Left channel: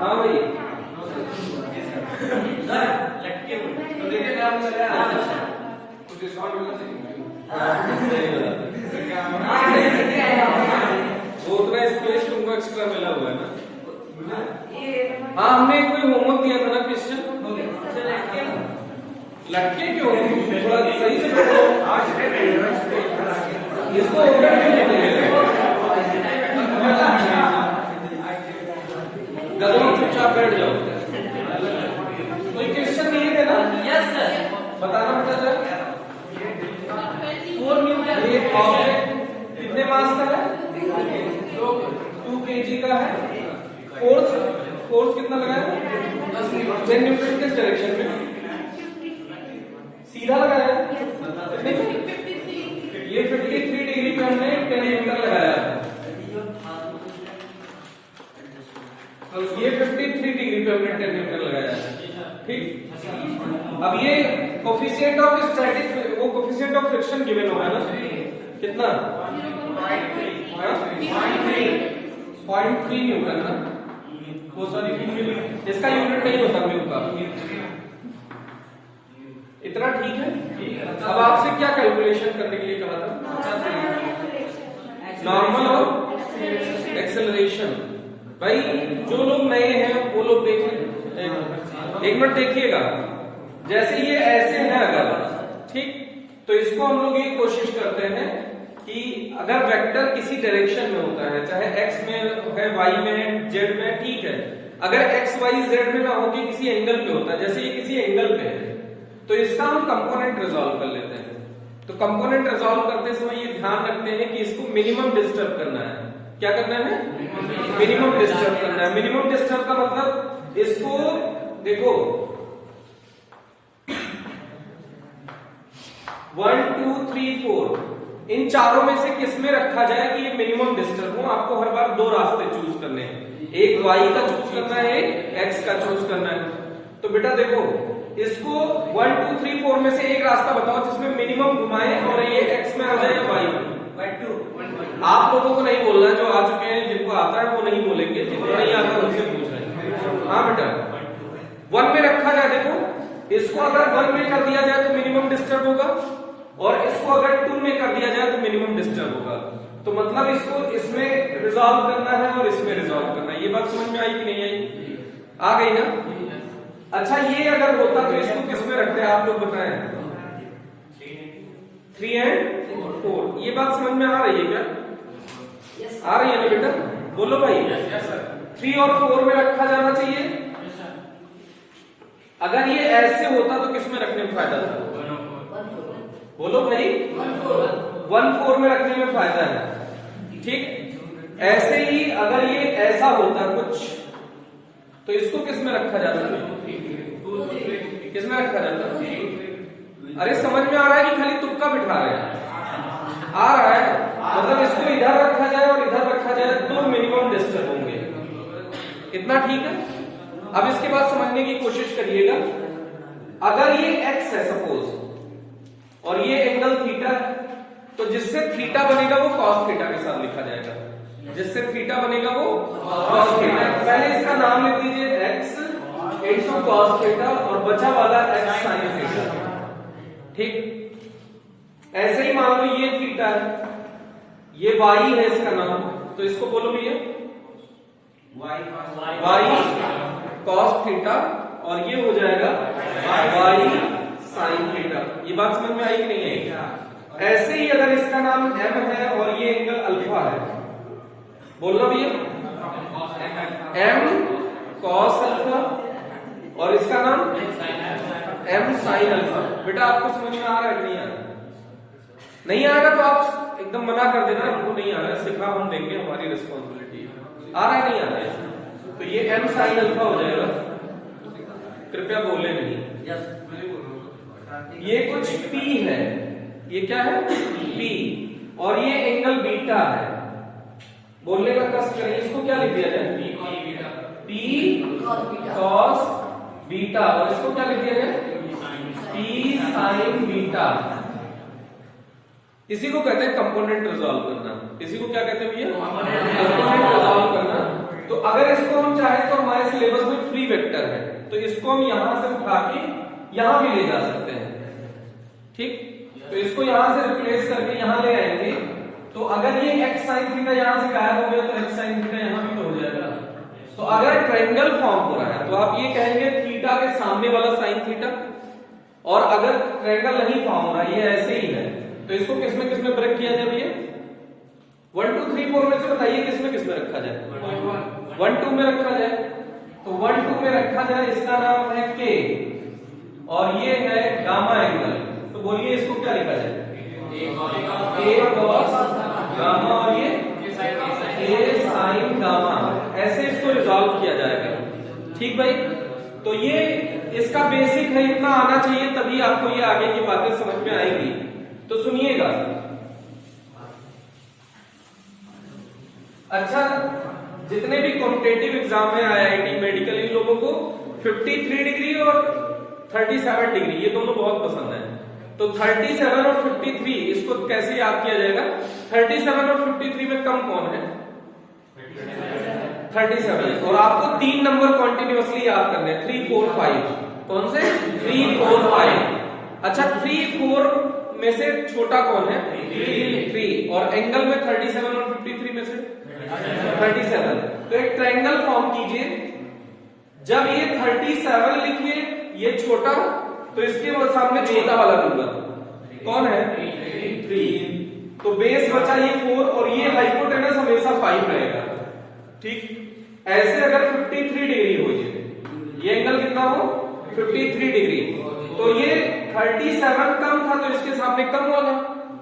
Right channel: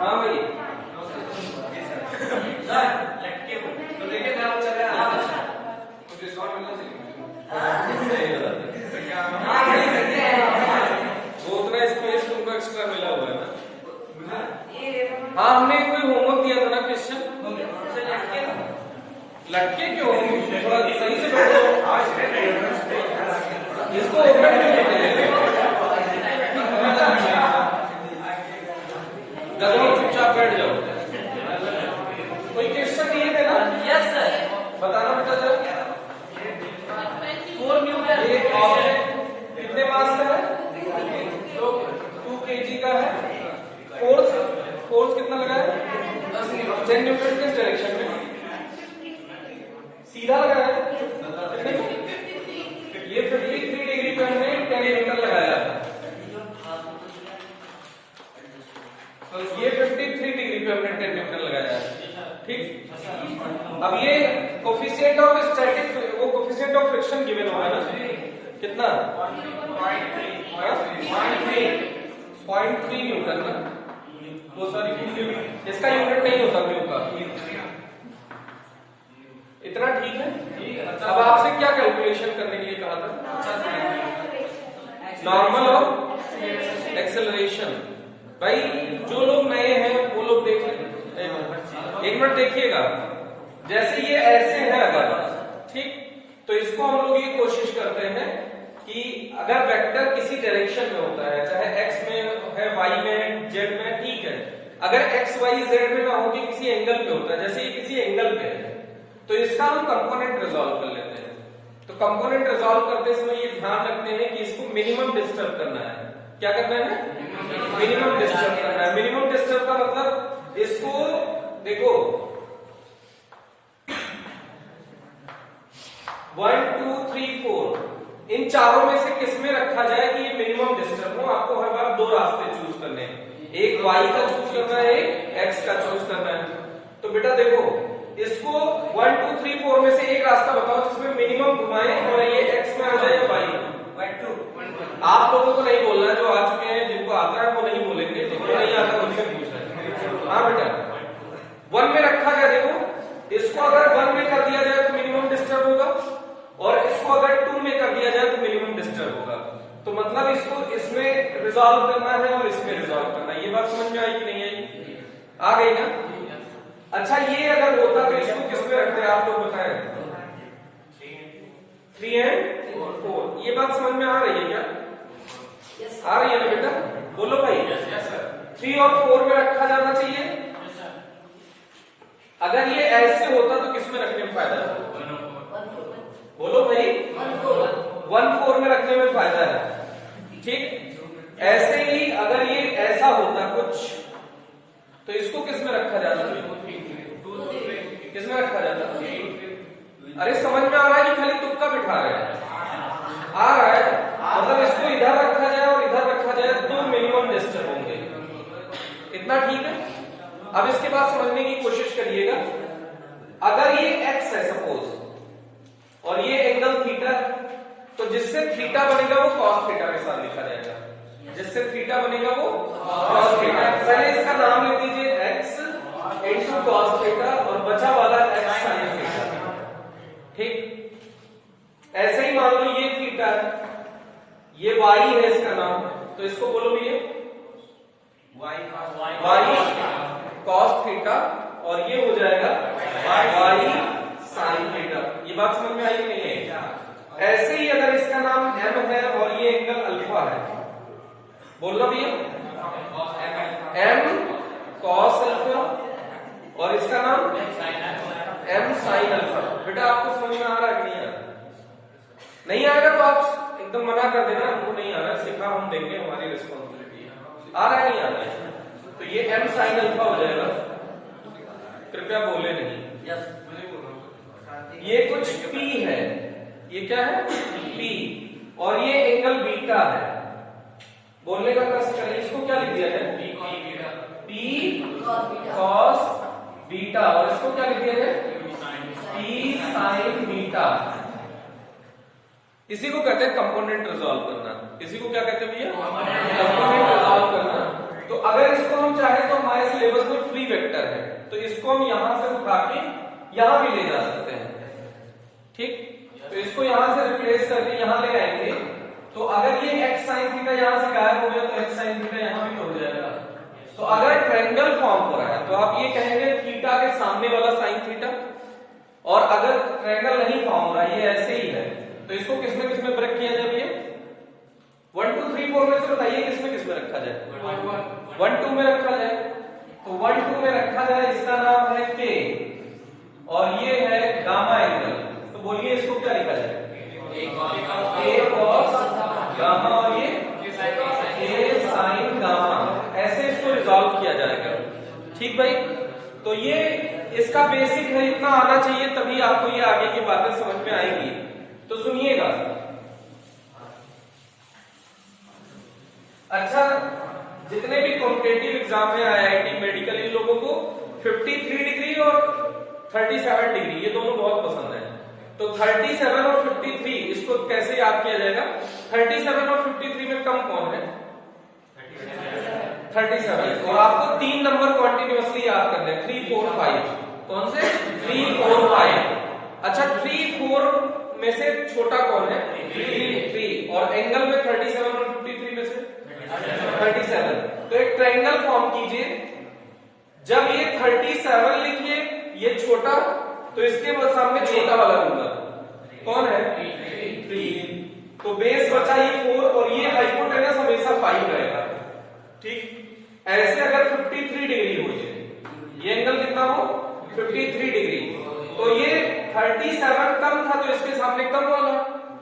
हाँ भाई तो देखिए क्या बोल रहा है, कुछ डिस्काउंट मिलना चाहिए। वो उतना स्पेस तुमको एक्स्ट्रा मिला हुआ है ना। हाँ हमने कोई होमवर्क दिया था ना क्वेश्चन, लटके क्यों थोड़ा सही से बैठो, इसको ओपन क्यों लेते हैं, गधों चुपचाप बैठ जाओ। कोई क्वेश्चन नहीं है ना? Yes sir. बताना बेटा जरा। 4 न्यूटन। ये ऑब्जेक्ट कितने मास का है? 2 kg का है। फोर्स कितना लगा है? 10 न्यूटन किस डायरेक्शन में? सीधा लगाया है। ये 53 डिग्री पे हमने 10 न्यूटन लगाया था, तो ये 53 डिग्री पे हमने 10 न्यूटन लगाया है। ठीक, अब ये कोफिशिएंट ऑफ स्टैटिक, वो कोफिशिएंट ऑफ फ्रिक्शन गिवन होगा ना, कितना? 0.3 न्यूटन ना। वो सारी इसका यूनिट नहीं होता म्यू का, इतना ठीक है। अब आपसे क्या कैलकुलेशन करने के लिए कहा था? नॉर्मल और एक्सेलरेशन। भाई जो लोग नए हैं वो लोग देख लें, एक मिनट देखिएगा। जैसे ये ऐसे है अगर, ठीक, तो इसको हम लोग ये कोशिश करते हैं कि अगर वेक्टर किसी डायरेक्शन में होता है, चाहे एक्स में है, वाई में है, जेड में है, ठीक है। अगर एक्स वाई जेड में ना होगी, किसी एंगल पे होता है, जैसे ये किसी एंगल पे है, तो इसका हम कंपोनेंट रिजॉल्व कर लेते हैं। तो कंपोनेंट रिजॉल्व करते समय ये ध्यान रखते हैं कि इसको मिनिमम डिस्टर्ब करना है। क्या करना है? मिनिमम डिस्टर्ब करना है। मिनिमम डिस्टर्ब का मतलब इसको देखो 1 2 3 4 इन चारों में से किस में रखा जाए कि ये मिनिमम डिस्टर्ब हो। आपको हर बार 2 रास्ते चूज करने हैं, एक y का चूज करना है, एक x का चूज करना है। तो बेटा देखो इसको 1 2 3 4 में से एक रास्ता बताओ जिसमें मिनिमम घुमाए और ये x में हो जाए या y में। आप लोगों को नहीं बोलना, जो आ चुके हैं जिनको आता है वो नहीं बोलेंगे, जिनको नहीं आता उनसे पूछना है। हाँ बेटा 1 में रखा गया, देखो इसको अगर 1 में कर दिया जाए तो मिनिमम डिस्टर्ब होगा, और इसको अगर 2 में कर दिया जाए तो मिनिमम डिस्टर्ब होगा। तो मतलब इसको इसमें रिजॉल्व करना है और इसमें रिजॉल्व करना है। ये बात समझ में आई कि नहीं आई? आ गई ना? अच्छा ये अगर होता तो इसको किसमें रखते हैं आप लोग बताएं? 3 and 4। ये बात समझ में आ रही है क्या? आ रही है ना बेटा? बोलो भाई। 3 और 4 में रखा जाना चाहिए। अगर ये ऐसे होता तो किसमें रखने में फायदा था? बोलो भाई। 1 4 में रखने में फायदा है। ठीक, ऐसे ही अगर ये ऐसा होता कुछ, तो इसको किसमें रखा जाता? किसमें रखा जाता? अरे समझ में आ रहा है कि खाली तुक्का बिठा रहे हैं? आ रहा है। मतलब इसको इधर रखा जाए और इधर रखा जाए तो मिनिमम डिस्टर्ब होंगे। इतना ठीक है? अब इसके बाद समझने की कोशिश करिएगा। अगर ये x है सपोज और ये एंगल थीटा है, तो जिससे थीटा बनेगा वो cos थीटा के साथ लिखा जाएगा। जिससे थीटा बनेगा वो cos थीटा। पहले इसका नाम लिख दीजिए x इंटू cos थीटा और बचा वाला x sin थीटा। ठीक, ऐसे ही मान लो ये थीटा है, ये y है इसका नाम, तो इसको बोलो ये y cos थीटा और ये हो जाएगा y sin थीटा। ये बात समझ में आई कि नहीं है? ऐसे ही अगर इसका नाम m है और ये एंगल अल्फा है, बोलना भैया m cos अल्फा और इसका नाम m sin अल्फा। बेटा आपको समझ में आ रहा है कि नहीं आ रहा? नहीं आएगा तो आप एकदम मना कर देना, हमको नहीं आ रहा, सिखा हम देंगे, हमारी रिस्पॉन्सिबिलिटी। आ रहा है नहीं आ रहा है? तो ये m sin अल्फा हो जाएगा। कृपया बोले नहीं। ये कुछ p है, ये क्या है? p, और ये एंगल बीटा है। बोलने का कष्ट करें, इसको क्या लिख दिया जाए? p cos बीटा, और इसको क्या लिख दिया जाए? p sin beta. इसी को कहते हैं कंपोनेंट रिजॉल्व करना। इसी को क्या कहते हैं भैया? कंपोनेंट रिजॉल्व करना। तो तो अगर इसको हम चाहें तो हमारे सिलेबस में फ्री वेक्टर है, तो इसको हम यहां से उठा के यहां भी ले जा सकते हैं। ठीक, तो इसको यहां से रिप्लेस करके यहां ले आएंगे, तो अगर ये x sin थीटा यहां से गायब हो गया तो x sin थीटा यहां भी तो हो जाएगा। तो अगर ट्रायंगल फॉर्म हो रहा है तो आप ये कहेंगे थीटा के सामने वाला साइन थीटा, और अगर ट्रायंगल नहीं फॉर्म हो रहा है, ये ऐसे ही है, तो इसको किसमें ब्रेक किया जाए भैया? 1 2 3 4 में से बताइए किसमें रखा जाए? 1 2 में रखा जाए। तो 1 2 में रखा जाए, इसका नाम है k और ये है गामा एंगल। तो बोलिए इसको क्या लिखा जाए? k cos गामा और ये k sin गामा, ऐसे इसको रिजॉल्व किया जाएगा। ठीक भाई, तो ये इसका बेसिक है, इतना आना चाहिए तभी आपको ये आगे की बातें समझ में आएंगी। तो सुनिएगा। अच्छा, जितने भी कॉम्पिटेटिव एग्जाम में IIT मेडिकल, इन लोगों को 53 डिग्री और 37 डिग्री ये दोनों बहुत पसंद है। तो 37 और 53 इसको कैसे याद किया जाएगा? 37 और 53 में कम कौन है? 37। और आपको 3 नंबर कॉन्टिन्यूअसली याद करने हैं, 3 4 5। कौन से? 3 4 5। अच्छा, 3 4 में से छोटा कौन है? 3। और एंगल में 37 और 53 में से 37। तो एक ट्रायंगल फॉर्म कीजिए, जब ये 37 लिखिए ये छोटा, तो इसके सामने छोटा वाला नंबर कौन है? 3। तो बेस बचा ये 4 और ये हाइपोटेनस हमेशा 5 रहेगा। ठीक, ऐसे अगर 53 डिग्री हो ये एंगल कितना हो? 53 डिग्री। तो ये 37 कम था तो इसके सामने कम वाला,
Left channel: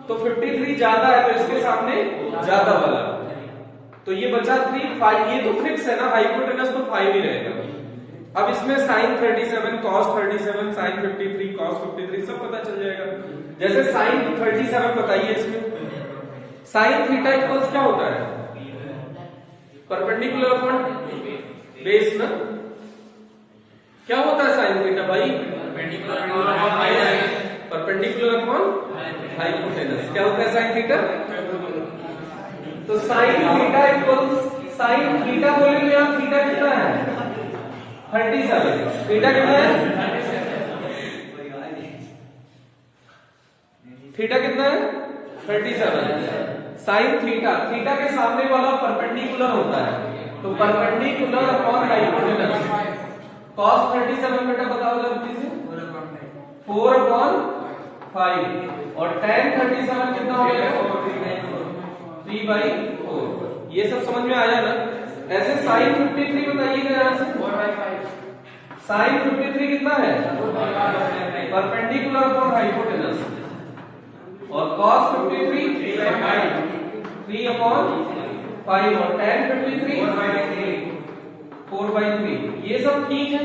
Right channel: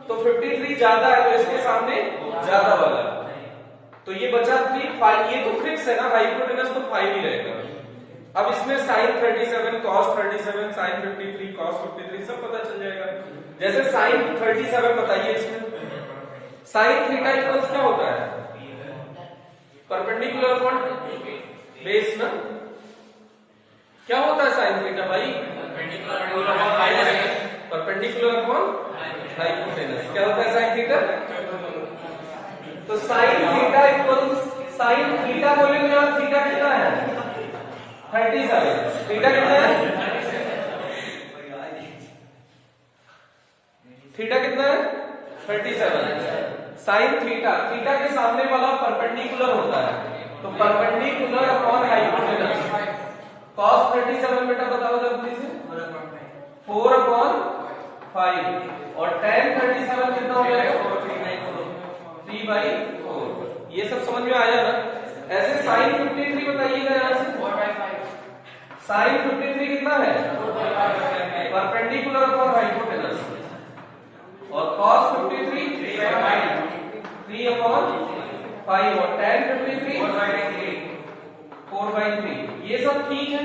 तो 53 ज्यादा है तो इसके सामने ज्यादा वाला। तो ये बचा 3 5। ये तो फिक्स है ना, हाइपोटेनस तो 5 ही रहेगा। अब इसमें sin 37 cos 37 sin 53 cos 53 सब पता चल जाएगा। जैसे sin 37 बताइए, इसमें sin थीटा इक्वल्स क्या होता है? परपेंडिकुलर अपॉन बेस ना। क्या होता है sin थीटा भाई? Perpendicular upon hypotenuse. क्या होता है sin थीटा? तो sin theta equals, sin theta बोलेंगे यहाँ, थीटा कितना है? 37। थीटा कितना है? थीटा कितना है? 37। साइन थीटा, थीटा के सामने वाला परपेंडिकुलर होता है, तो परपेंडिकुलर अपॉन हाइपोटेनस। cos 37 बेटा बताओ जल्दी से? 4 अपॉन 5। और tan 37 कितना हो जाएगा? 3/4। ये सब समझ में आया ना? ऐसे sin 53 बताइएगा यहां से। sin 53 कितना है? Perpendicular upon hypotenuse. और cos 53 3 अपॉन 5 और tan 53 4/3। ये सब ठीक है,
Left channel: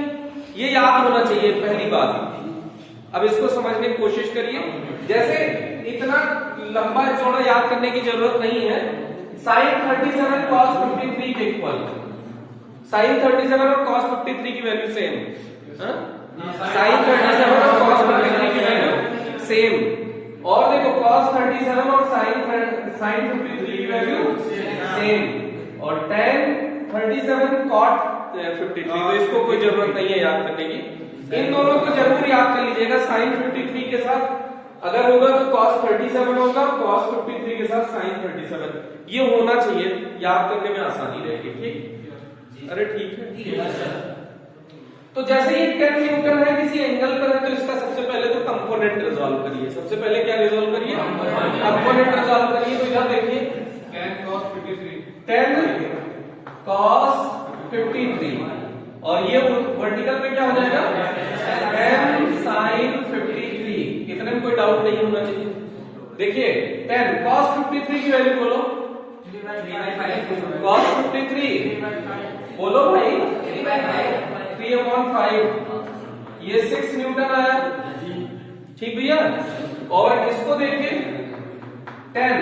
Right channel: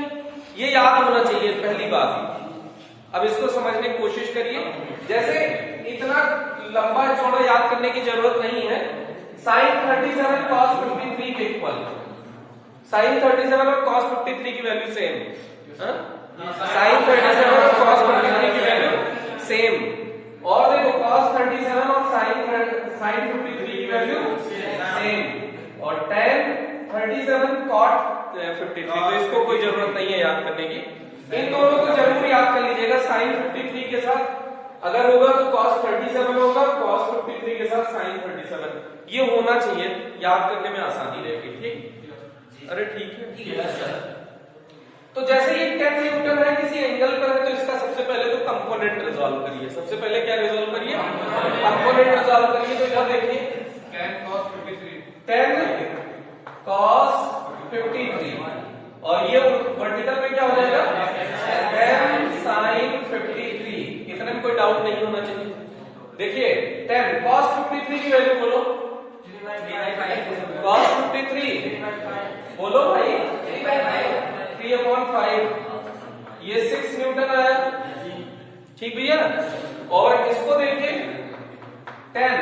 ये याद होना चाहिए पहली बात। अब इसको समझने की कोशिश करिए। जैसे इतना लंबा चौड़ा याद करने की जरूरत नहीं है। sin 37 cos 53 के इक्वल, sin 37 और cos 53 की वैल्यू सेम। sin 37 और cos 53 की वैल्यू सेम। और देखो cos 37 और sin 53 की वैल्यू सेम। और tan 37 cot 53, तो इसको कोई जरूरत नहीं है याद करने की। इन दोनों को जरूर याद कर लीजिएगा। sin 53 के साथ अगर होगा तो cos 37 होगा, cos 53 के साथ sin 37। ये होना चाहिए, याद करने में आसानी रहेगी। ठीक, अरे ठीक है। तो जैसे ये 10 न्यूटन है, किसी एंगल पर है, तो इसका सबसे पहले तो कंपोनेंट रिजॉल्व करिए। सबसे पहले क्या रिजॉल्व करिए? कंपोनेंट रिजॉल्व करिए। तो यहां देखिए 10 cos 53 और ये वर्टिकल में क्या हो जाएगा? 10 sin 53। इतने में कोई डाउट नहीं होना चाहिए। देखिए 10 cos 53 की वैल्यू बोलो। cos 53 बोलो भाई 3/5। ये 6 न्यूटन आया। ठीक भैया। और इसको देखिए 10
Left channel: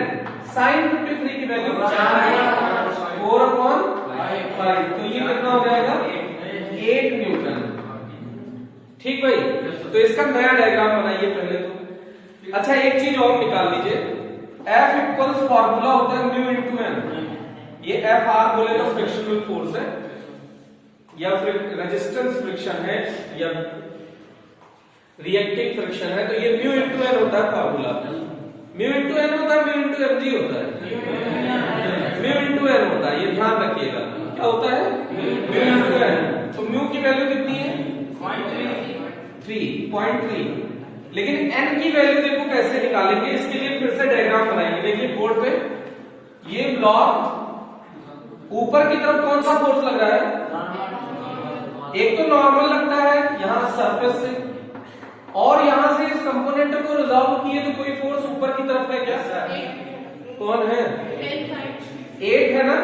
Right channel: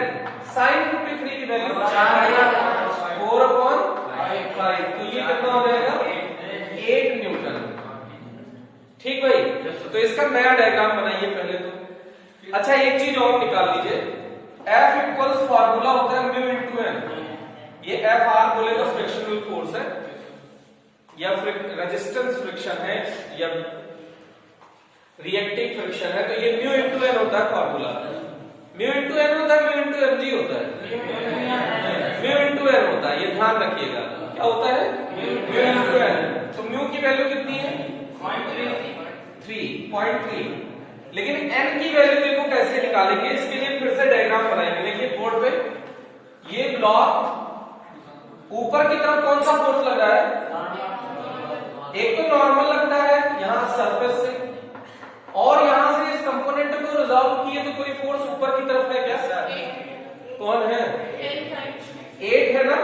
sin 53 की वैल्यू 4/5। तो ये कितना हो जाएगा? 8 न्यूटन। ठीक भाई। तो इसका नया डायग्राम बनाइए पहले तो। अच्छा, एक चीज और निकाल लीजिए। F इक्वल्स फॉर्मूला होता है म्यू इंटू एन। ये एफ आर बोलेगा फ्रिक्शनल फोर्स है या रेजिस्टेंस फ्रिक्शन है या रिएक्टिव फ्रिक्शन है, तो ये म्यू इंटू एन होता है फॉर्मूला। म्यू इंटू एन होता है, म्यू इंटू एम जी होता है, म्यू इंटू एन होता है, ये ध्यान रखिएगा। क्या होता है? Mu into N. तो म्यू की वैल्यू कितनी है? 3.3। लेकिन एन की वैल्यू देखो कैसे निकालेंगे, इसके लिए फिर से डायग्राम बनाएंगे। देखिए बोर्ड पे, ये ब्लॉक ऊपर की तरफ कौन सा फोर्स लग रहा है? एक तो नॉर्मल लगता है यहां सरफेस से, और यहां से इस कंपोनेंट को रिजॉल्व किए तो कोई फोर्स ऊपर की तरफ है क्या? कौन है? 8 है ना,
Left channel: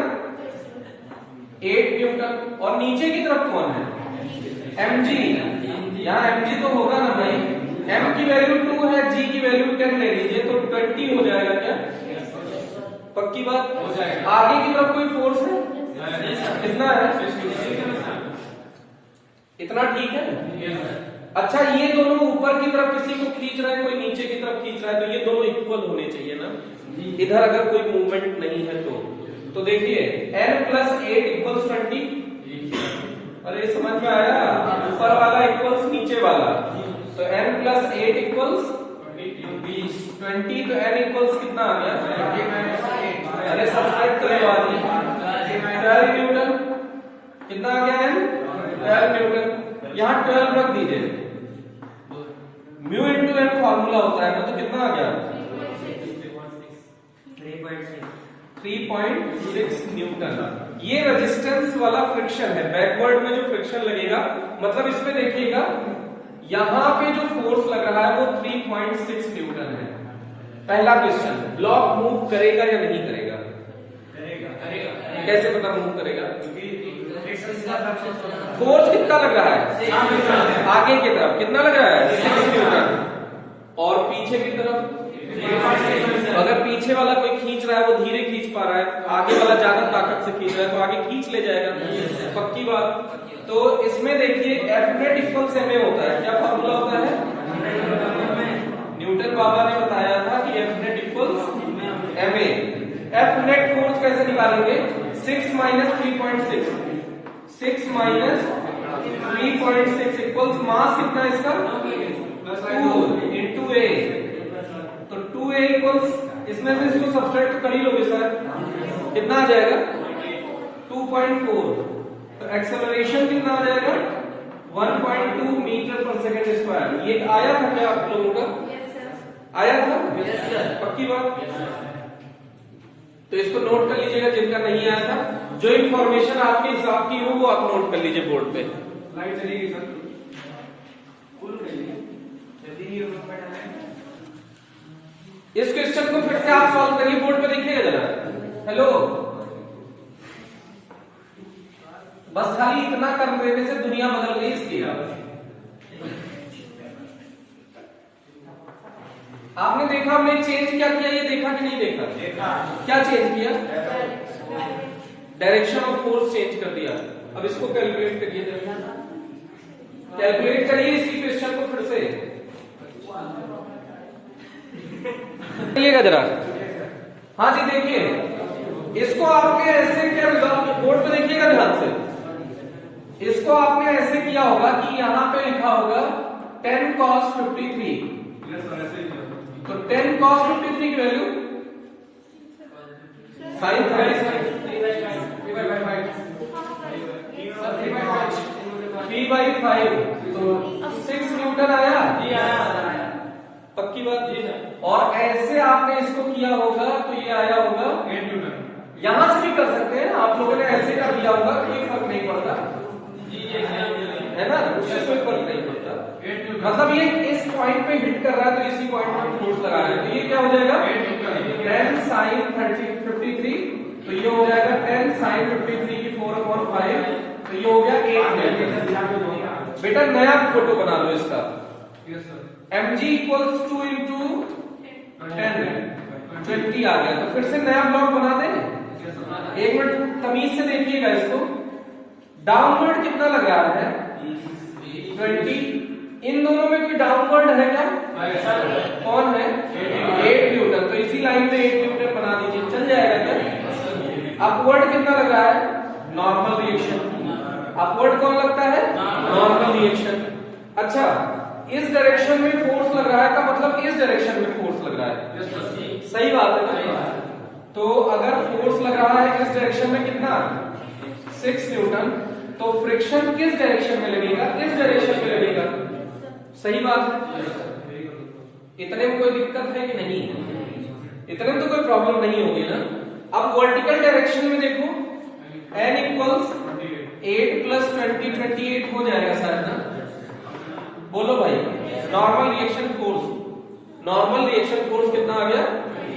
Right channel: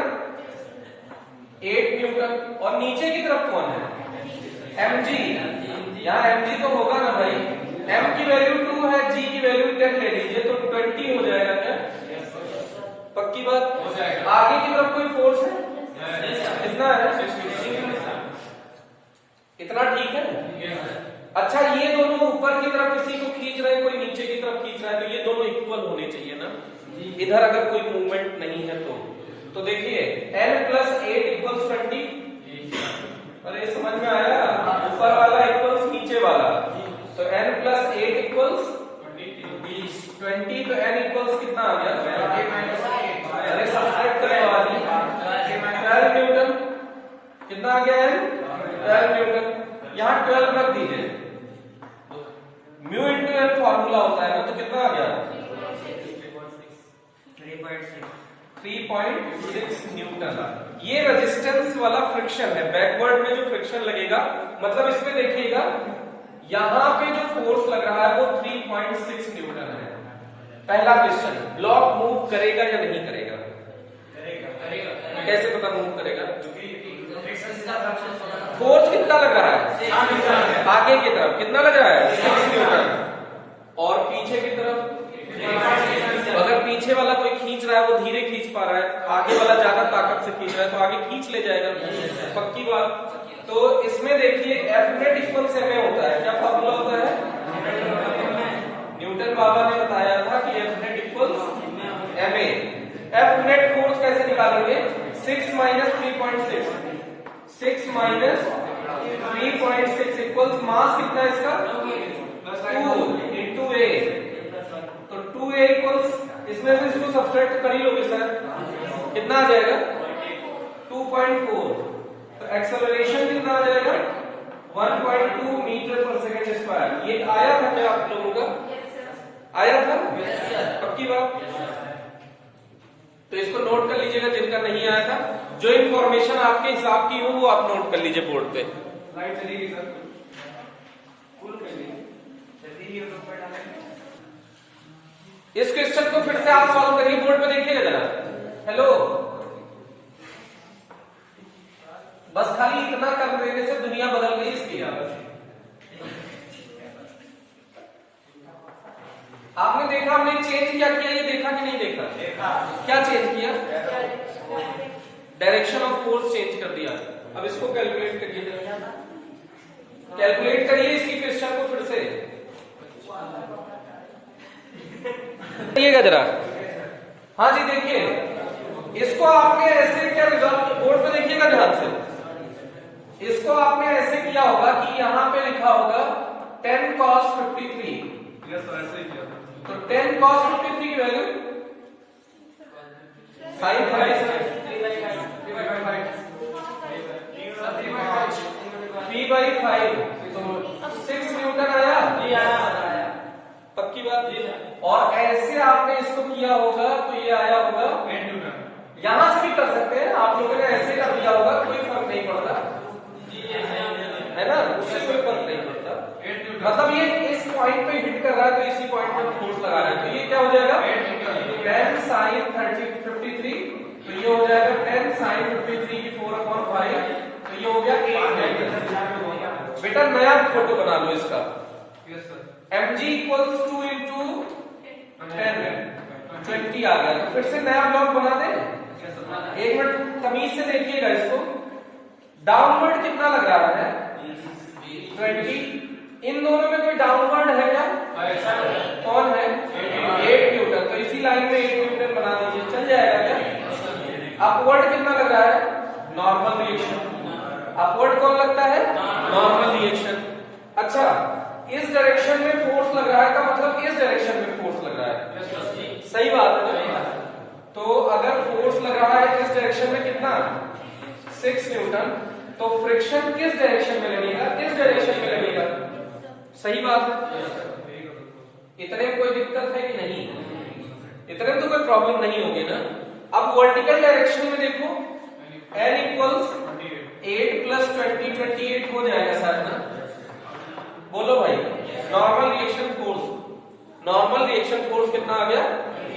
8 न्यूटन। और नीचे की तरफ कौन है? mg। यहाँ mg तो होगा ना भाई, m की वैल्यू 2 है, g की वैल्यू 10 ले लीजिए तो 20 हो जाएगा क्या? पक्की बात हो जाएगा। आगे की तरफ कोई फोर्स है? कितना है? इतना ठीक है। अच्छा, ये दोनों ऊपर की तरफ किसी को खींच रहे हैं, कोई नीचे की तरफ खींच रहा है, तो ये दोनों इक्वल होने चाहिए ना। इधर अगर कोई मूवमेंट नहीं है तो देखिए n प्लस 8 इक्वल्स 20। अरे समझ में आया? ऊपर वाला इक्वल्स नीचे वाला, तो n प्लस 8 इक्वल्स 20। तो n इक्वल्स कितना आ गया? अरे सब्सट्रैक्ट करवा दी, 12 न्यूटन। कितना आ गया n? 12 न्यूटन। यहाँ 12 रख दीजिए, म्यू इंटू एन फॉर्मूला होता है ना, तो कितना आ गया? 3.6 न्यूटन। ये रेजिस्टेंस वाला फ्रिक्शन है, बैकवर्ड में जो फ्रिक्शन लगेगा, मतलब इसमें देखिएगा यहां पे जो फोर्स लग रहा है वो 3.6 न्यूटन है। पहला क्वेश्चन, ब्लॉक मूव करेगा या नहीं करेगा? करेगा। कैसे पता मूव करेगा? फोर्स कितना लग रहा है? आगे की तरफ कितना लग रहा है? 6 न्यूटन। और पीछे की तरफ अगर पीछे वाला कोई खींच रहा है वो धीरे खींच पा रहा है, आगे वाला ज्यादा ताकत से खींच रहा है तो आगे खींच ले जाएगा। पक्की बात। तो इसमें देखिए F net equals M A होता है। क्या फॉर्मूला होता है? न्यूटन बाबा ने बताया था कि F net equals M A. F net force कैसे निकालेंगे? 6 माइनस 3.6, 6 माइनस 3.6 इक्वल्स मास कितना इसका? 2 इंटू ए। तो 2a इक्वल्स, इसमें से इसको सब्सट्रैक्ट कर ही लोगे सर, कितना आ जाएगा? 2.4। तो एक्सेलरेशन कितना आ जाएगा? 1.2 मीटर पर सेकेंड स्क्वायर। ये आया था क्या आप लोगों का? आया था? पक्की बात। तो इसको नोट कर लीजिएगा जिनका नहीं आया था। जो इंफॉर्मेशन आपके हिसाब की हो वो आप नोट कर लीजिए बोर्ड पे। इस क्वेश्चन को फिर से आप सॉल्व करिए, बोर्ड पे देखिएगा जरा। हेलो, बस खाली इतना कर देने से दुनिया बदल गई इसकी। आपने देखा हमने चेंज क्या किया, ये देखा कि नहीं देखा? क्या चेंज किया? डायरेक्शन ऑफ फोर्स चेंज कर दिया। अब इसको कैलकुलेट करिए, कैलकुलेट करिए इसी क्वेश्चन को फिर से जरा। हाँ जी देखिए, इसको आपने ऐसे क्या रिजॉल्व, बोर्ड पे देखिएगा ध्यान से। इसको आपने ऐसे किया होगा कि यहां पे लिखा होगा 10 cos 53। तो 10 cos 53 की वैल्यू sin 3/5, तो 6 न्यूटन आया। पक्की बात ये है। और ऐसे आपने इसको किया होगा तो ये आया होगा 8 न्यूटन। यहां से भी कर सकते हैं आप लोगों ने, ऐसे कर दिया होगा, कोई फर्क नहीं पड़ता, है ना, उससे कोई फर्क नहीं पड़ता। मतलब ये इस पॉइंट पे हिट कर रहा है तो इसी पॉइंट पर फोर्स लगा रहा है, तो ये क्या हो जाएगा? 10 sin 53। तो ये हो जाएगा 10 sin 53 की 4/5। तो ये हो गया 8 बेटा। नया फोटो बना लो इसका। mg इक्वल्स 2 इंटू 10, 20 आ गया। तो फिर से नया ब्लॉक बना दें। एक मिनट तमीज से देखिएगा इसको। डाउनवर्ड कितना लग रहा है? 20। इन दोनों में कोई डाउनवर्ड है क्या? कौन है? 8 न्यूटन। तो इसी लाइन में 8 न्यूटन बना दीजिए, चल जाएगा क्या? अपवर्ड कितना लग रहा है? Normal reaction. अपवर्ड कौन लगता है? Normal reaction. अच्छा, इस डायरेक्शन में फोर्स लग रहा है का मतलब इस डायरेक्शन में फोर्स लग रहा है। सही बात है। तो अगर फोर्स लग रहा है इस डायरेक्शन में कितना? 6 न्यूटन, तो फ्रिक्शन किस डायरेक्शन में लगेगा? इस डायरेक्शन में लगेगा। सही बात है। इतने में कोई दिक्कत है कि नहीं? इतने में तो कोई प्रॉब्लम नहीं होगी ना। अब वर्टिकल डायरेक्शन में देखो, n इक्वल्स 8 प्लस 20 28 हो जाएगा शायद ना। बोलो भाई, normal reaction force, normal reaction force कितना आ गया?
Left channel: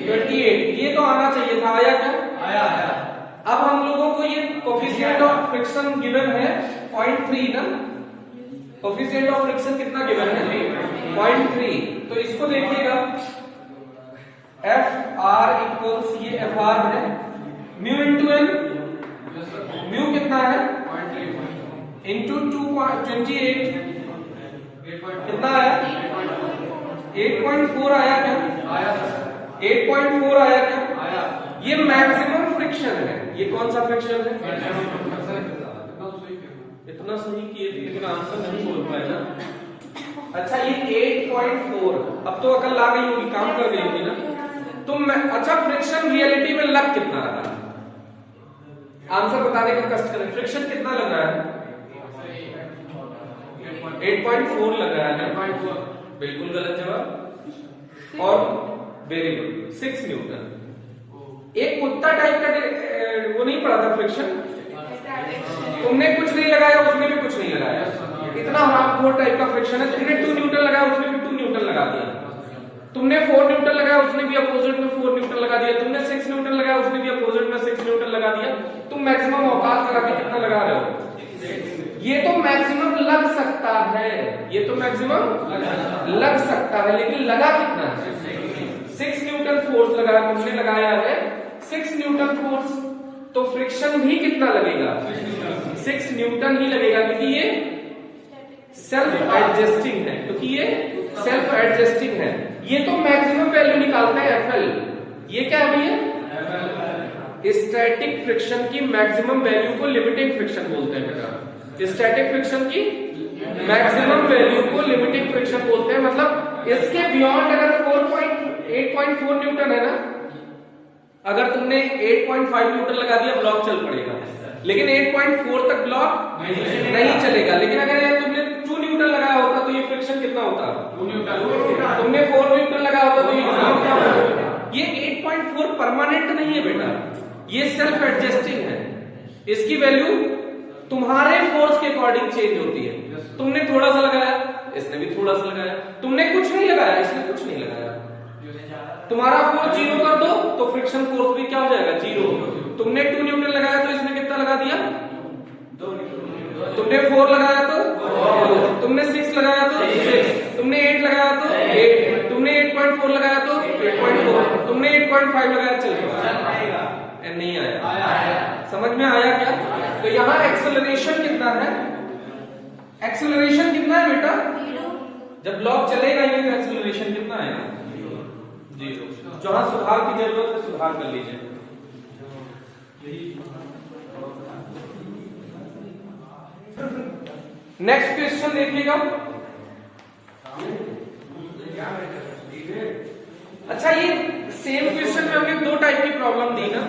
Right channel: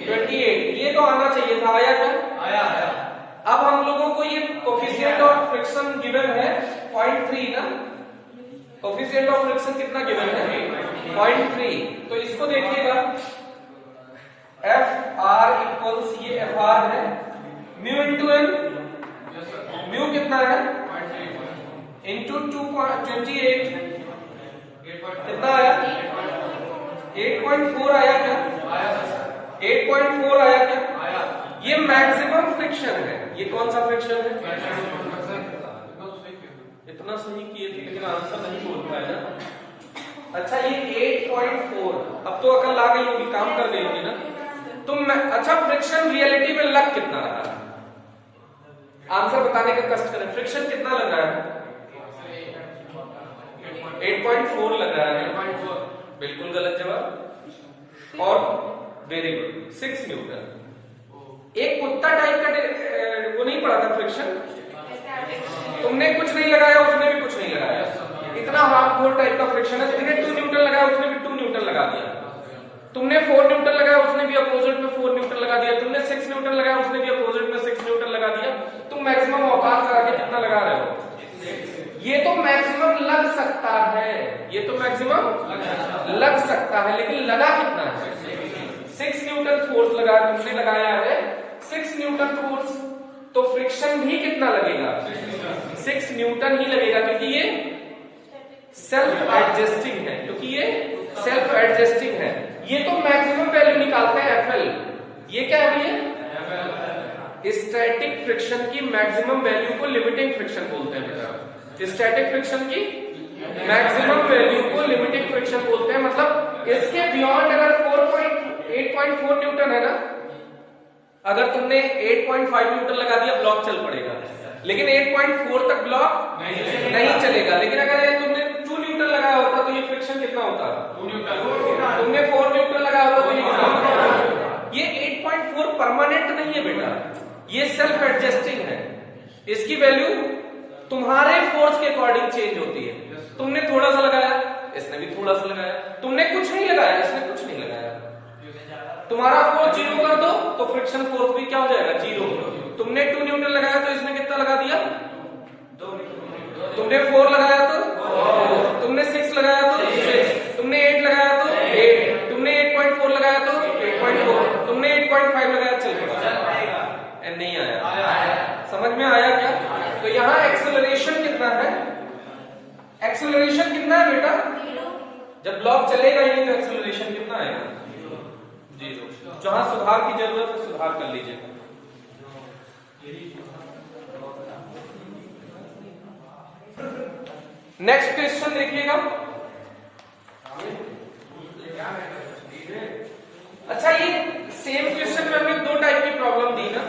28। ये तो आना चाहिए था, आया क्या? आया। अब हम लोगों को ये कोफिशिएंट ऑफ फ्रिक्शन गिवन है 0.3 ना। कोफिशिएंट ऑफ फ्रिक्शन कितना गिवन है? 0.3। तो इसको देखिएगा, एफ आर इक्वल्स, ये एफ आर है, म्यू इंटू एन, म्यू कितना है? इंटू 2.28 कितना आया? 8.4 आया क्या? 8.4 आया क्या? ये मैक्सिमम फ्रिक्शन है। ये कौन सा फ्रिक्शन है? इतना सही किए थे लेकिन आंसर नहीं बोल पाए ना। अच्छा, ये 8.4, अब तो अकल आ गई होगी, काम कर देंगे ना तुम। अच्छा, फ्रिक्शन रियलिटी में लग कितना रहा है? आंसर बताने का कष्ट करें। फ्रिक्शन कितना लग रहा है? 8.4 लग रहा है। बिल्कुल गलत जवाब। और वेरी गुड, 6 न्यूटन। एक कुत्ता टाइप का वो नहीं पड़ा था फ्रिक्शन? तुमने कुछ नहीं लगाया, उसने भी कुछ नहीं लगाया, इतना हाफ गोल टाइप का फ्रिक्शन है। तुमने 2 न्यूटन लगाया, उसने भी 2 न्यूटन लगा दिया। तुमने 4 न्यूटन लगाया, उसने भी अपोजिट में 4 न्यूटन लगा दिया। तुमने 6 न्यूटन लगाया, उसने भी अपोजिट में 6 न्यूटन लगा दिया। तुम मैक्सिमम औकात करा के कितना लगा रहे हो? ये तो मैक्सिमम लग सकता है, ये तो मैक्सिमम लग सकता है, लेकिन लगा कितना? 6 न्यूटन फोर्स लगा, तुमने लगाया है 6 न्यूटन फोर्स, तो फ्रिक्शन भी कितना लगेगा? 6 न्यूटन ही लगेगा, क्योंकि ये सेल्फ एडजस्टिंग है, क्योंकि ये सेल्फ एडजस्टिंग है। ये तो मैक्सिमम वैल्यू निकालता है एफएल। ये क्या अभी है? स्टैटिक फ्रिक्शन की मैक्सिमम वैल्यू को लिमिटिंग फ्रिक्शन बोलते हैं बेटा। स्टैटिक फ्रिक्शन की मैक्सिमम वैल्यू को लिमिटिंग फ्रिक्शन बोलते हैं। मतलब इसके बियॉन्ड अगर 8.4 न्यूटन है ना, अगर तुमने 8.5 न्यूटन लगा दिया, ब्लॉक चल पड़ेगा, लेकिन 8.4 तक ब्लॉक नहीं चलेगा। लेकिन अगर तुमने 2 न्यूटन लगाया होता तो ये फ्रिक्शन कितना होता? 2 न्यूटन। तुमने 4 न्यूटन लगाया होता तो ये कितना होता? ये 8.4 परमानेंट नहीं है बेटा, ये सेल्फ एडजस्टिंग है। इसकी वैल्यू तुम्हारे फोर्स के अकॉर्डिंग चेंज होती है। तुमने थोड़ा सा लगाया, इसने भी थोड़ा सा लगाया। तुमने कुछ नहीं लगाया, इसने कुछ नहीं लगाया। तुम्हारा फोर्स 0 कर दो तो फ्रिक्शन फोर्स भी क्या हो जाएगा? 0। तुमने 2 न्यूटन लगाया तो इसने कितना लगा दिया? 2 न्यूटन। तुमने 4 लगाया तो, तुमने 6 लगाया तो 6, तुमने 8 लगाया तो 8, तुमने 8.4 लगाया तो 8.4, तुमने 8.5 लगाया, चल नहीं आया। समझ में आया क्या? तो यहाँ एक्सेलरेशन कितना है? एक्सेलरेशन कितना है बेटा? जब ब्लॉक चलेगा ही तो एक्सेलरेशन कितना है? 0। जहां सुधार की जरूरत है सुधार कर लीजिए। नेक्स्ट क्वेश्चन देखिएगा। अच्छा, ये सेम क्वेश्चन में हमने 2 टाइप की प्रॉब्लम दी ना।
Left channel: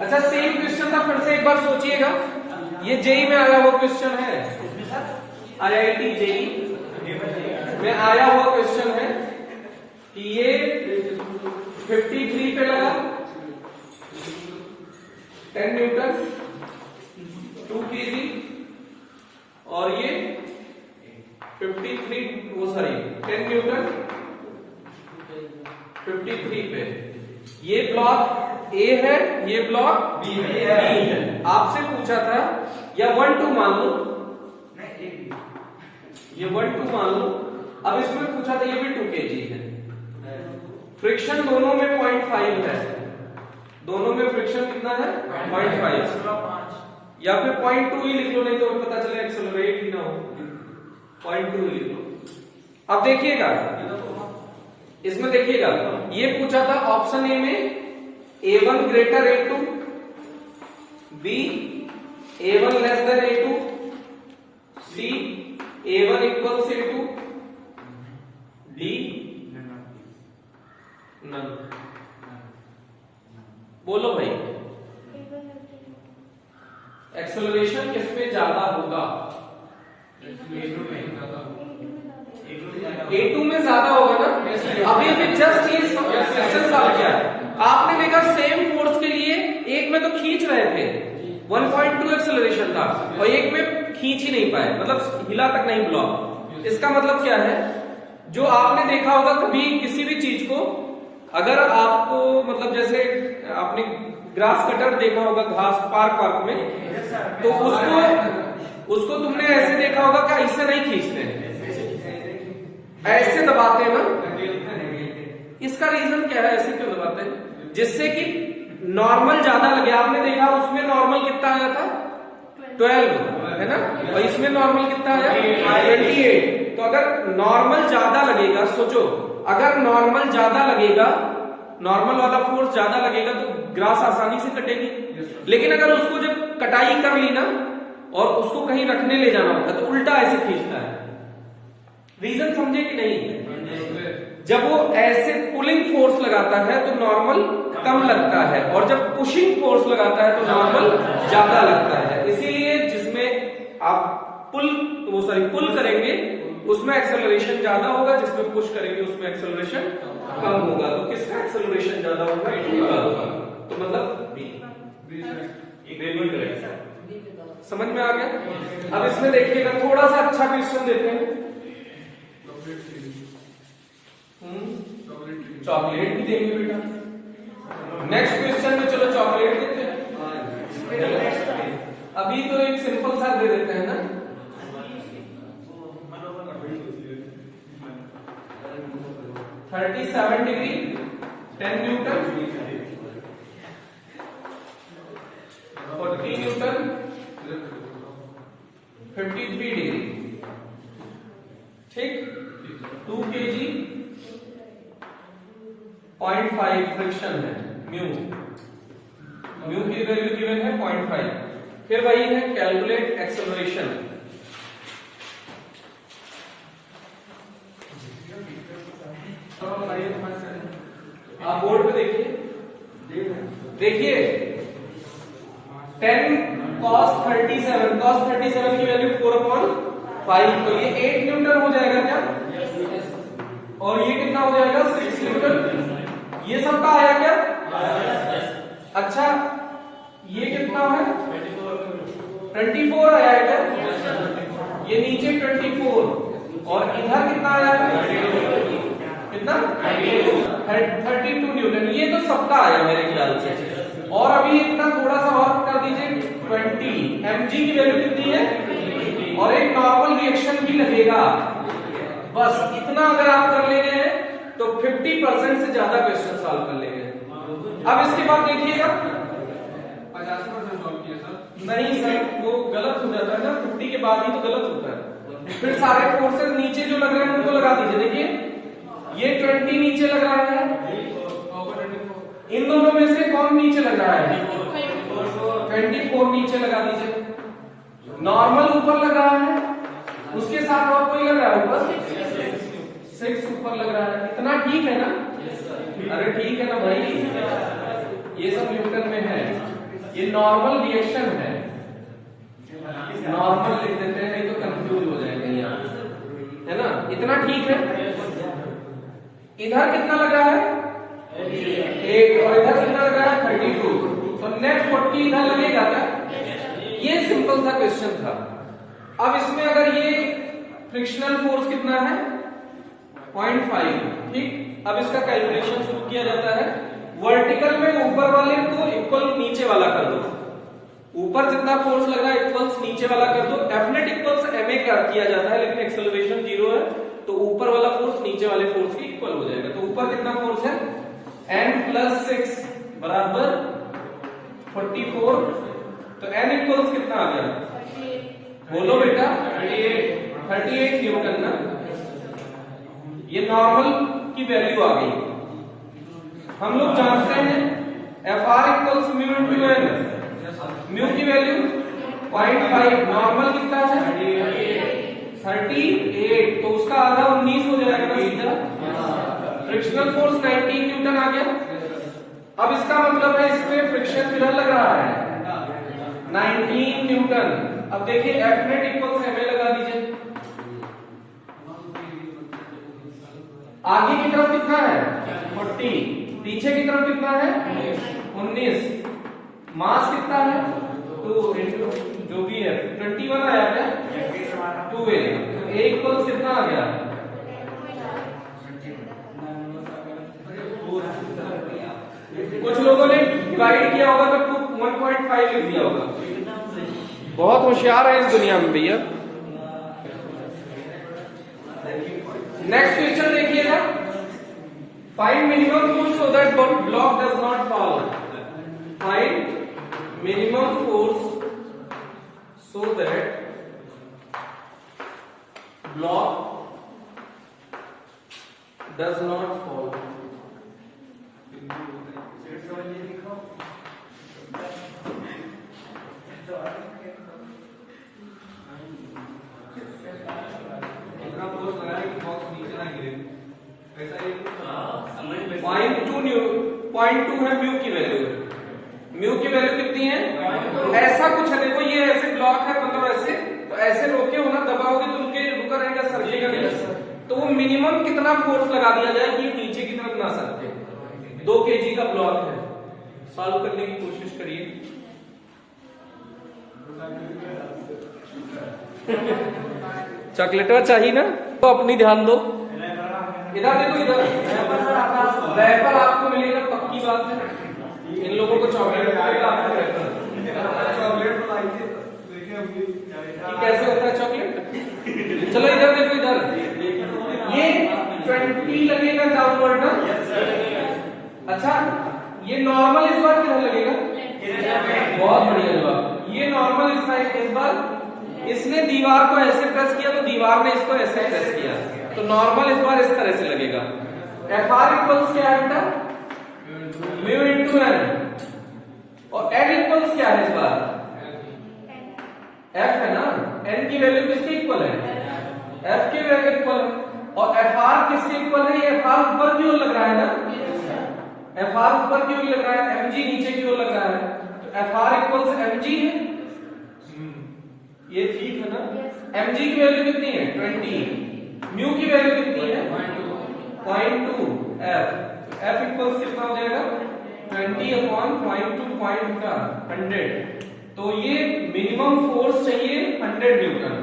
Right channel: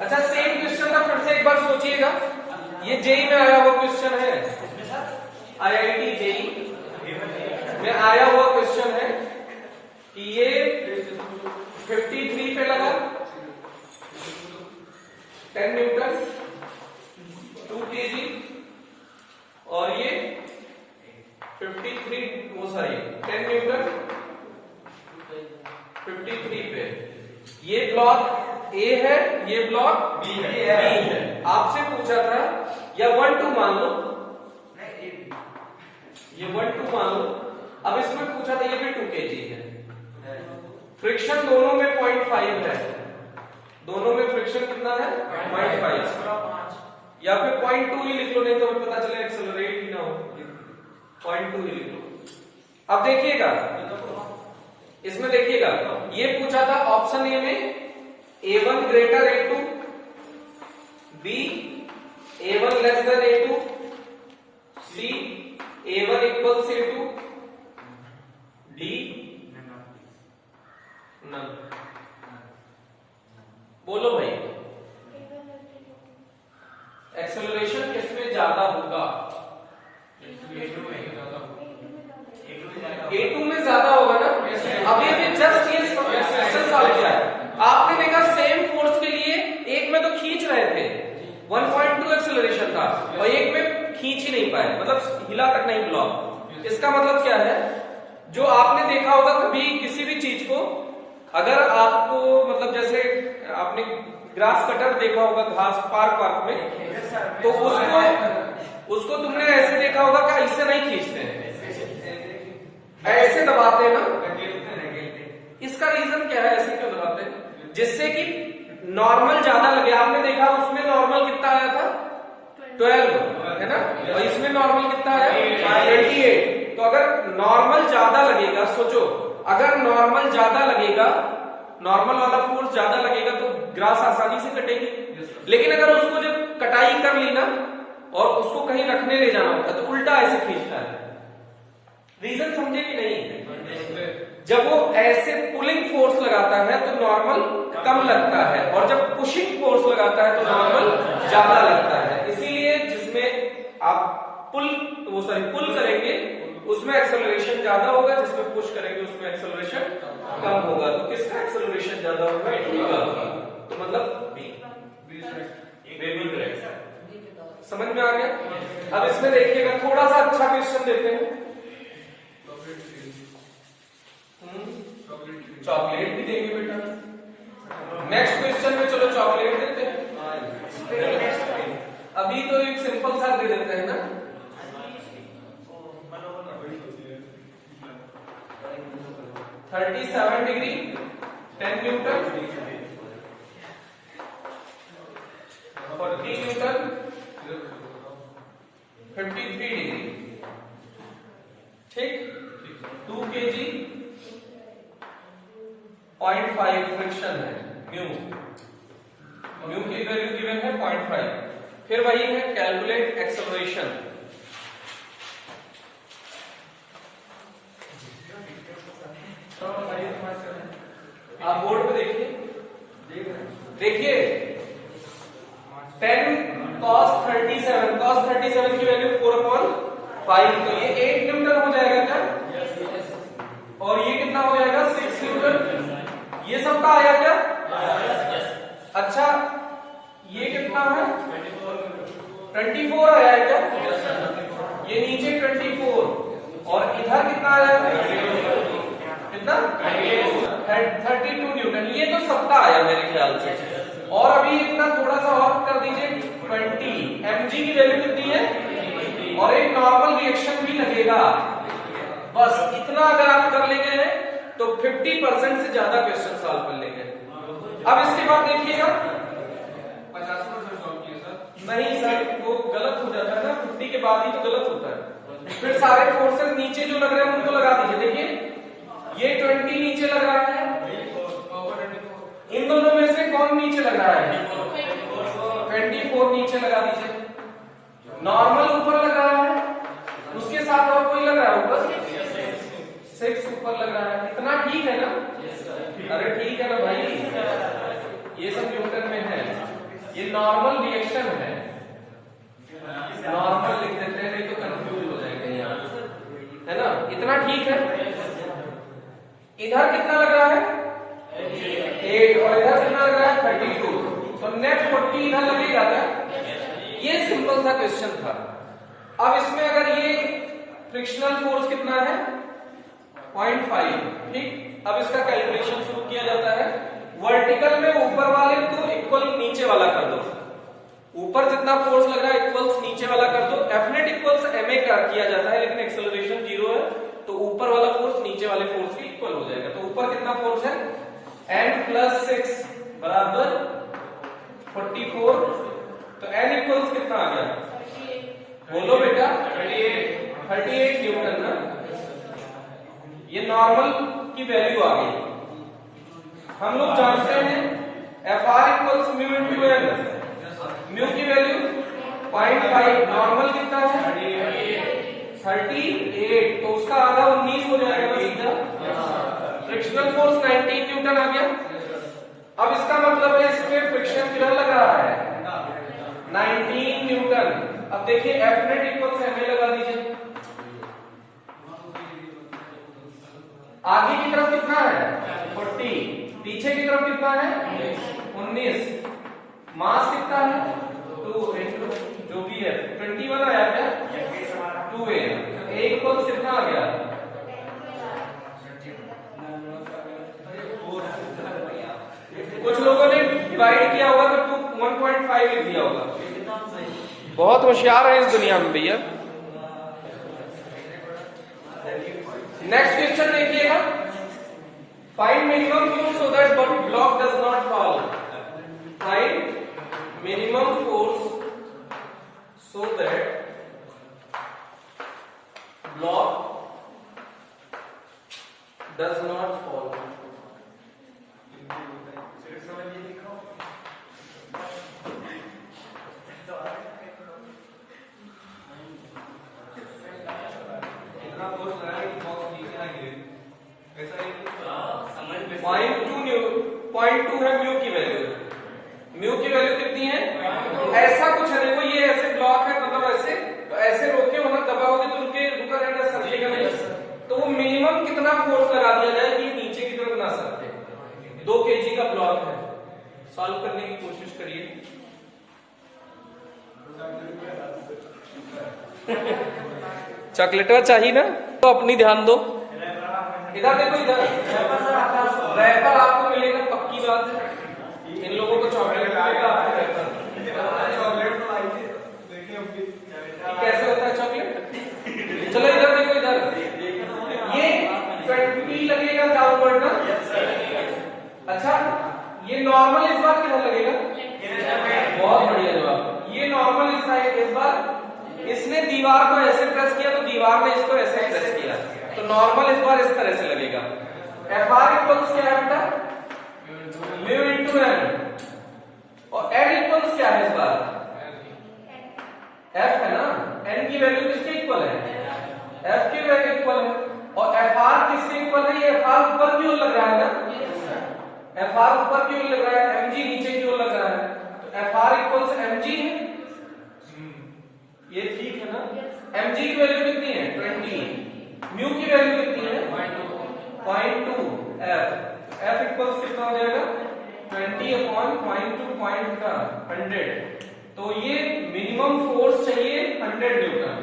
अच्छा, सेम क्वेश्चन था, फिर से एक बार सोचिएगा। ये जेई में आया हुआ क्वेश्चन है, आईआईटी जेई में आया हुआ क्वेश्चन है कि ये 53 पे लगा 10 न्यूटन 2 kg, और ये 53 वो सॉरी 10 न्यूटन 53 पे। ये ब्लॉक ए है, ये ब्लॉक बी है। आपसे पूछा था या 1 2 मान लो, ये 1 2 मान लो। अब इसमें पूछा था ये भी 2 kg है। फ्रिक्शन दोनों में 0.5 है, दोनों में फ्रिक्शन कितना है? 0.5, या फिर 0.2 ही लिख लो, नहीं तो पता चले एक्सेलरेट ही ना हो। 0.2 लिख लो। अब देखिएगा, इसमें देखिएगा, ये पूछा था ऑप्शन ए में A1 greater A2, B A1 less than A2, C A1 equals A2, D नल। बोलो भाई एक्सेलरेशन किसमें ज्यादा होगा? A2 में ज्यादा होगा ना। अभी हमने जस्ट ये क्वेश्चन सॉल्व किया है। आपने देखा सेम फोर्स के लिए एक में तो खींच रहे थे 1.2 एक्सेलरेशन था और एक में खींच ही नहीं पाए, मतलब हिला तक नहीं ब्लॉक। इसका मतलब क्या है, जो आपने देखा होगा कभी किसी भी चीज को, अगर आपको मतलब जैसे आपने ग्रास कटर देखा होगा घास पार्क में, तो उसको तुमने ऐसे देखा होगा क्या, इससे नहीं खींचते, ऐसे दबाते हैं ना। इसका रीजन क्या है, ऐसे क्यों दबाते हैं? जिससे कि नॉर्मल ज्यादा लगे। आपने देखा उसमें नॉर्मल कितना आया था 12 है ना, और इसमें नॉर्मल कितना आया 28। तो अगर नॉर्मल ज्यादा लगेगा, सोचो अगर नॉर्मल ज्यादा लगेगा, नॉर्मल वाला फोर्स ज्यादा लगेगा तो ग्रास आसानी से कटेगी। लेकिन अगर उसको जब कटाई कर ली ना और उसको कहीं रखने ले जाना होता है तो उल्टा ऐसे खींचता है। रीजन समझे कि नहीं? जब वो ऐसे पुलिंग फोर्स लगाता है तो नॉर्मल कम लगता है, और जब पुशिंग फोर्स लगाता है तो नॉर्मल ज्यादा लगता है। इसीलिए जिसमें आप पुल करेंगे उसमें एक्सेलरेशन ज्यादा होगा, जिसमें पुश करेंगे उसमें एक्सेलरेशन कम होगा। तो किसका एक्सेलरेशन ज्यादा होगा? तो मतलब समझ में आ गया? अब इसमें देखिएगा थोड़ा सा अच्छा क्वेश्चन देते हैं। चॉकलेट भी देंगे बेटा। नेक्स्ट क्वेश्चन में चलो चॉकलेट देते हैं। अभी तो एक सिंपल सा दे देते हैं ना। 37 डिग्री 10 न्यूटन, 40 न्यूटन 53 डिग्री, ठीक। 2 kg 0.5 फ्रिक्शन है, न्यू की वैल्यू गिवन है 0.5। फिर वही है कैलकुलेट एक्सेलरेशन। आप बोर्ड पे देखिए 10 cos 37 की वैल्यू 4/5, तो ये 8 न्यूटन हो जाएगा क्या? और ये कितना हो जाएगा 6 न्यूटन। ये सबका आया क्या? अच्छा ये कितना है 24 आया है क्या? ये नीचे 24 और इधर कितना आया है? कितना 32 न्यूटन। ये तो सबका आया मेरे ख्याल से। और अभी इतना थोड़ा सा और कर दीजिए 20 mg की वैल्यू कितनी है, और एक नॉर्मल रिएक्शन भी लगेगा। बस इतना अगर आप कर लेंगे तो 50% से ज्यादा क्वेश्चन सॉल्व कर लेंगे। अब इसके बाद देखिएगा 50% सॉल्व किया सर। नहीं सर, वो गलत हो जाता है ना, 50 के बाद ही तो गलत होता है। फिर सारे फोर्सेस नीचे जो लग रहे हैं उनको लगा दीजिए। देखिए ये 20 नीचे लग रहा है, इन दोनों में से कौन नीचे लग रहा है? 24 नीचे लगा दीजिए। नॉर्मल ऊपर लग रहा है, उसके साथ और कोई लग रहा है ऊपर 6 ऊपर लग रहा है। इतना ठीक है ना? अरे ठीक है ना भाई, ये सब न्यूटन में है। ये नॉर्मल रिएक्शन है, नॉर्मल लिख देते हैं नहीं तो कंफ्यूज हो जाएगा यहाँ, है ना? इतना ठीक है। इधर कितना लग रहा है 8 और इधर कितना लग रहा है 32, तो नेट 40 इधर लगेगा क्या? ये सिंपल सा क्वेश्चन था। अब इसमें अगर ये फ्रिक्शनल फोर्स कितना है 0.5, ठीक। अब इसका कैलकुलेशन शुरू किया जाता है। वर्टिकल में ऊपर वाले को इक्वल नीचे वाला कर दो, ऊपर जितना फोर्स लग रहा है इक्वल्स नीचे वाला कर दो। एफनेट इक्वल्स ma किया जाता है, लेकिन एक्सेलरेशन 0 है तो ऊपर वाला फोर्स नीचे वाले फोर्स की इक्वल हो जाएगा। तो ऊपर कितना फोर्स है n+6 बराबर 44, तो n इक्वल्स कितना आ गया? बोलो बेटा 38 न्यूटन ना। ये नॉर्मल की वैल्यू आ गई। हम लोग जानते हैं Fr equals mu into N. Mu 0.5 normal कितना है 38, तो उसका आधा 19 हो जाएगा ना सीधा। फ्रिक्शनल फोर्स 19 न्यूटन आ गया। अब इसका मतलब है इसमें फ्रिक्शन किधर लग रहा है 19 न्यूटन। अब देखिए F net equal M A लगा दीजिए। आगे की तरफ कितना है 40, पीछे की तरफ कितना है 19, मास कितना है 2 इंटू जो भी है 21 आया क्या 2a, ए इक्वल कितना आ गया कुछ लोगों ने डिवाइड किया होगा तो 1.5 लिख दिया होगा। बहुत होशियार है इस दुनिया में भैया। नेक्स्ट क्वेश्चन देखिएगा, find minimum force so that block does not fall. Find minimum force so that block does not fall. Point two है म्यू की वैल्यू। म्यू की वैल्यू कितनी है ऐसा कुछ है, देखो ये ऐसे ब्लॉक है मतलब ऐसे, तो ऐसे रोके होगा दबाओगे तो उनके रुका रहेगा सरकेगा नहीं, तो वो मिनिमम कितना फोर्स लगा दिया जाए कि नीचे की तरफ ना सरके। 2 kg का ब्लॉक है, सॉल्व करने की कोशिश करिए। चॉकलेटवा चाहिए ना तो अपनी ध्यान दो। इधर देखो, इधर रैपर आपको मिलेगा, पक्की बात है। इन लोगों को चॉकलेट आएगा, आपको रैपर। कैसे होता है चॉकलेट? चलो इधर देखो, इधर ये 20 लगेगा डाउनवर्ड ना। अच्छा, ये नॉर्मल इस बार किधर लगेगा? बहुत बढ़िया जवाब। ये नॉर्मल इस साइड, इस बार इसने दीवार को ऐसे प्रेस किया तो दीवार ने इसको ऐसे प्रेस किया, तो नॉर्मल इस बार इस तरह से लगेगा। एफ आर इक्वल्स क्या है बेटा म्यू इंटू एन, और एन इक्वल्स क्या है इस बार एफ है ना। एन की वैल्यू किसके इक्वल है एफ के वैल्यू इक्वल है, और एफ आर किसके इक्वल है? ये एफ आर ऊपर की ओर लग रहा है ना, एफ आर ऊपर की ओर लग रहा है, एम जी नीचे की ओर लग रहा है, तो F R equals M G है। ये ठीक है ना। एम जी की वैल्यू कितनी है 20, म्यू की वैल्यू कितनी है 0.2, एफ एफ इक्वल्स कितना हो जाएगा 20/0.2 पॉइंट का 100। तो ये मिनिमम फोर्स चाहिए 100 न्यूटन,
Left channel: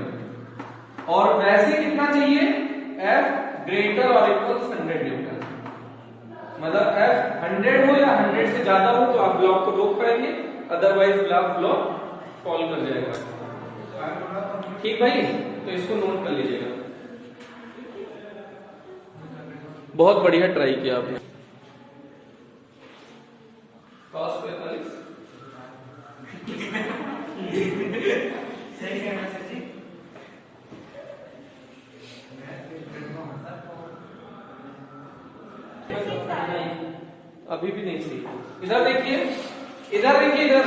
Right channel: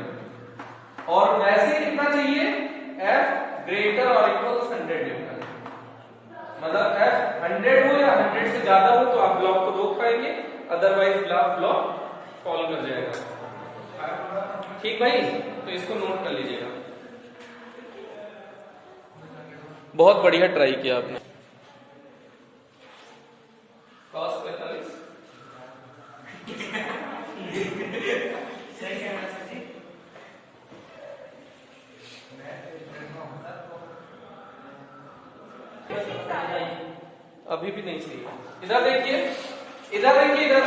और वैसे कितना चाहिए एफ ग्रेटर और इक्वल्स 100 न्यूटन। मतलब एफ 100 हो या 100 से ज्यादा हो तो आप ब्लॉक को रोक पाएंगे, अदरवाइज ब्लॉक फॉल कर जाएगा। ठीक भाई, तो इसको नोट कर लीजिएगा। बहुत बढ़िया ट्राई किया आपने। cos 45 अभी भी नहीं सही। इधर देखिए, इधर देखिए, इधर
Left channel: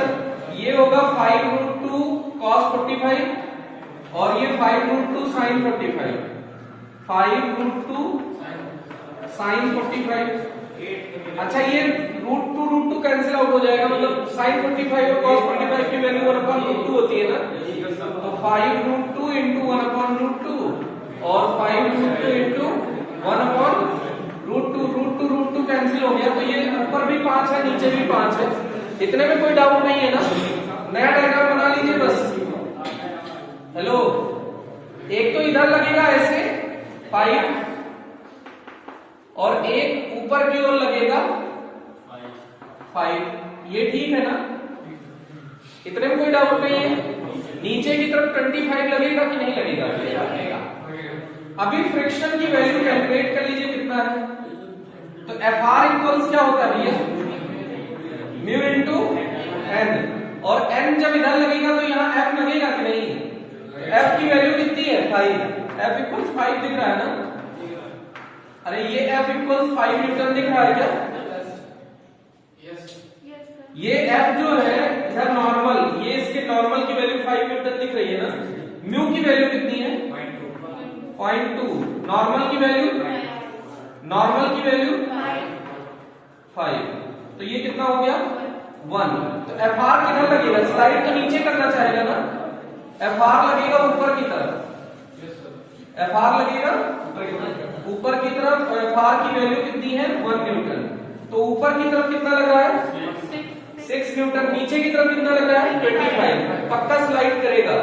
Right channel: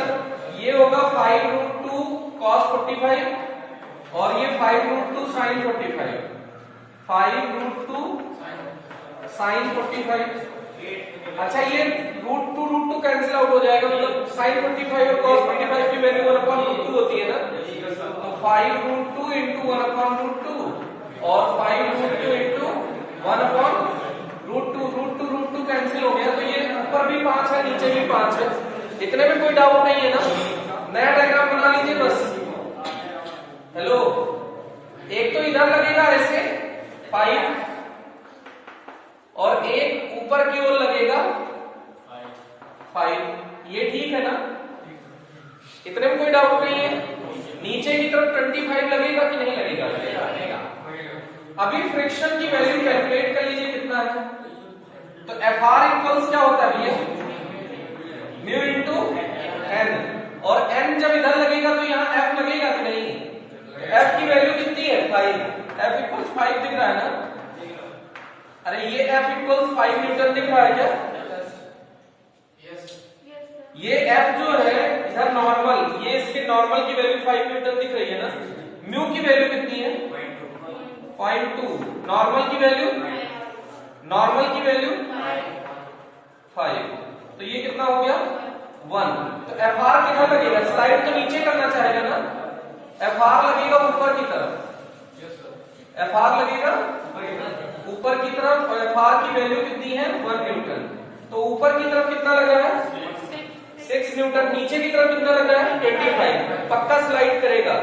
ये होगा 5√2 cos 45, और ये 5√2 sin 45, 5√2 sin 45। अच्छा, ये √2 कैंसिल आउट हो जाएगा, मतलब sin 45 और cos 45 की वैल्यू 1/√2 होती है ना, तो 5√2 इंटू 1/√2 और 5√2 इंटू 1/√2, √2 कैंसिल हो गया, तो ये ऊपर भी 5 है नीचे भी 5 है। इतने में कोई डाउट नहीं है ना। नया डायग्राम बना लीजिए बस। हेलो, एक तो इधर लगेगा ऐसे 5, और एक ऊपर की ओर लगेगा 5। ये ठीक है ना, इतने में कोई डाउट नहीं है। नीचे की तरफ 25 लगेगा कि नहीं लगेगा? अभी फ्रिक्शन की वैल्यू कैलकुलेट कर लीजिए कितना है। तो एफ आर इक्वल्स क्या होता है भैया म्यू इंटू एन, और एन जब इधर लगेगा तो यहाँ एफ लगेगा कि नहीं? एफ की वैल्यू कितनी है 5, एफ इक्वल्स 5 दिख रहा है ना। अरे ये एफ इक्वल्स 5 न्यूटन दिख रहा है क्या? ये F जो है इधर नॉर्मल, ये इसके नॉर्मल की वैल्यू 5 न्यूटन दिख रही है ना, म्यू की वैल्यू कितनी है 0.2, नॉर्मल की वैल्यू 5, तो ये कितना हो गया 1। तो FR कितना लगेगा, स्लाइड तो नीचे करना चाहेगा ना, FR लगेगा ऊपर की तरफ, FR लगेगा ऊपर की तरफ, और FR की वैल्यू कितनी है 1 न्यूटन। तो ऊपर की तरफ कितना लगा है 6 न्यूटन, नीचे की तरफ कितना लगा है 25, पक्का स्लाइड करेगा।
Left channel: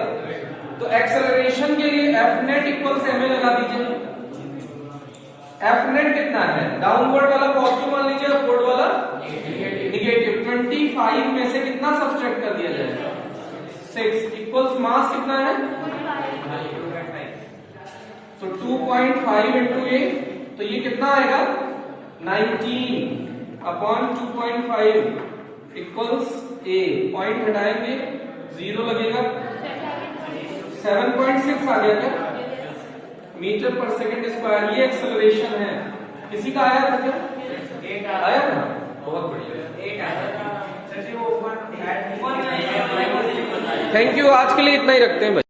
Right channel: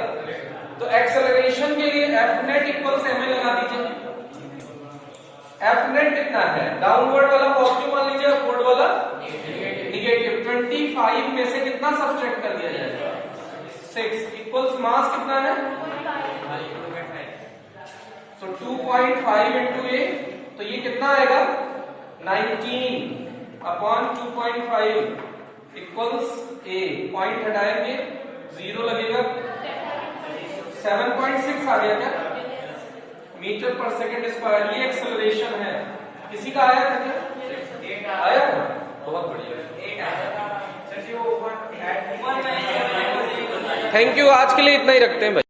तो एक्सेलरेशन के लिए F नेट इक्वल से हमें लगा दीजिए, F नेट कितना है, डाउनवर्ड वाला पॉजिटिव मान लीजिए, अपवर्ड वाला निगेटिव। 25 में से कितना सब्सट्रैक्ट कर दिया जाएगा 6, इक्वल्स मास कितना है, तो 2.5 इंटू ए, तो ये कितना आएगा 19 अपॉन 2.5 इक्वल्स ए, पॉइंट हटाएंगे 0 लगेगा, 7.6 आ गया क्या मीटर पर सेकंड स्क्वायर। ये एक्सेलरेशन है, किसी का आया था क्या, आया था, बहुत बढ़िया। थैंक यू, आज के लिए इतना ही रखते हैं भाई।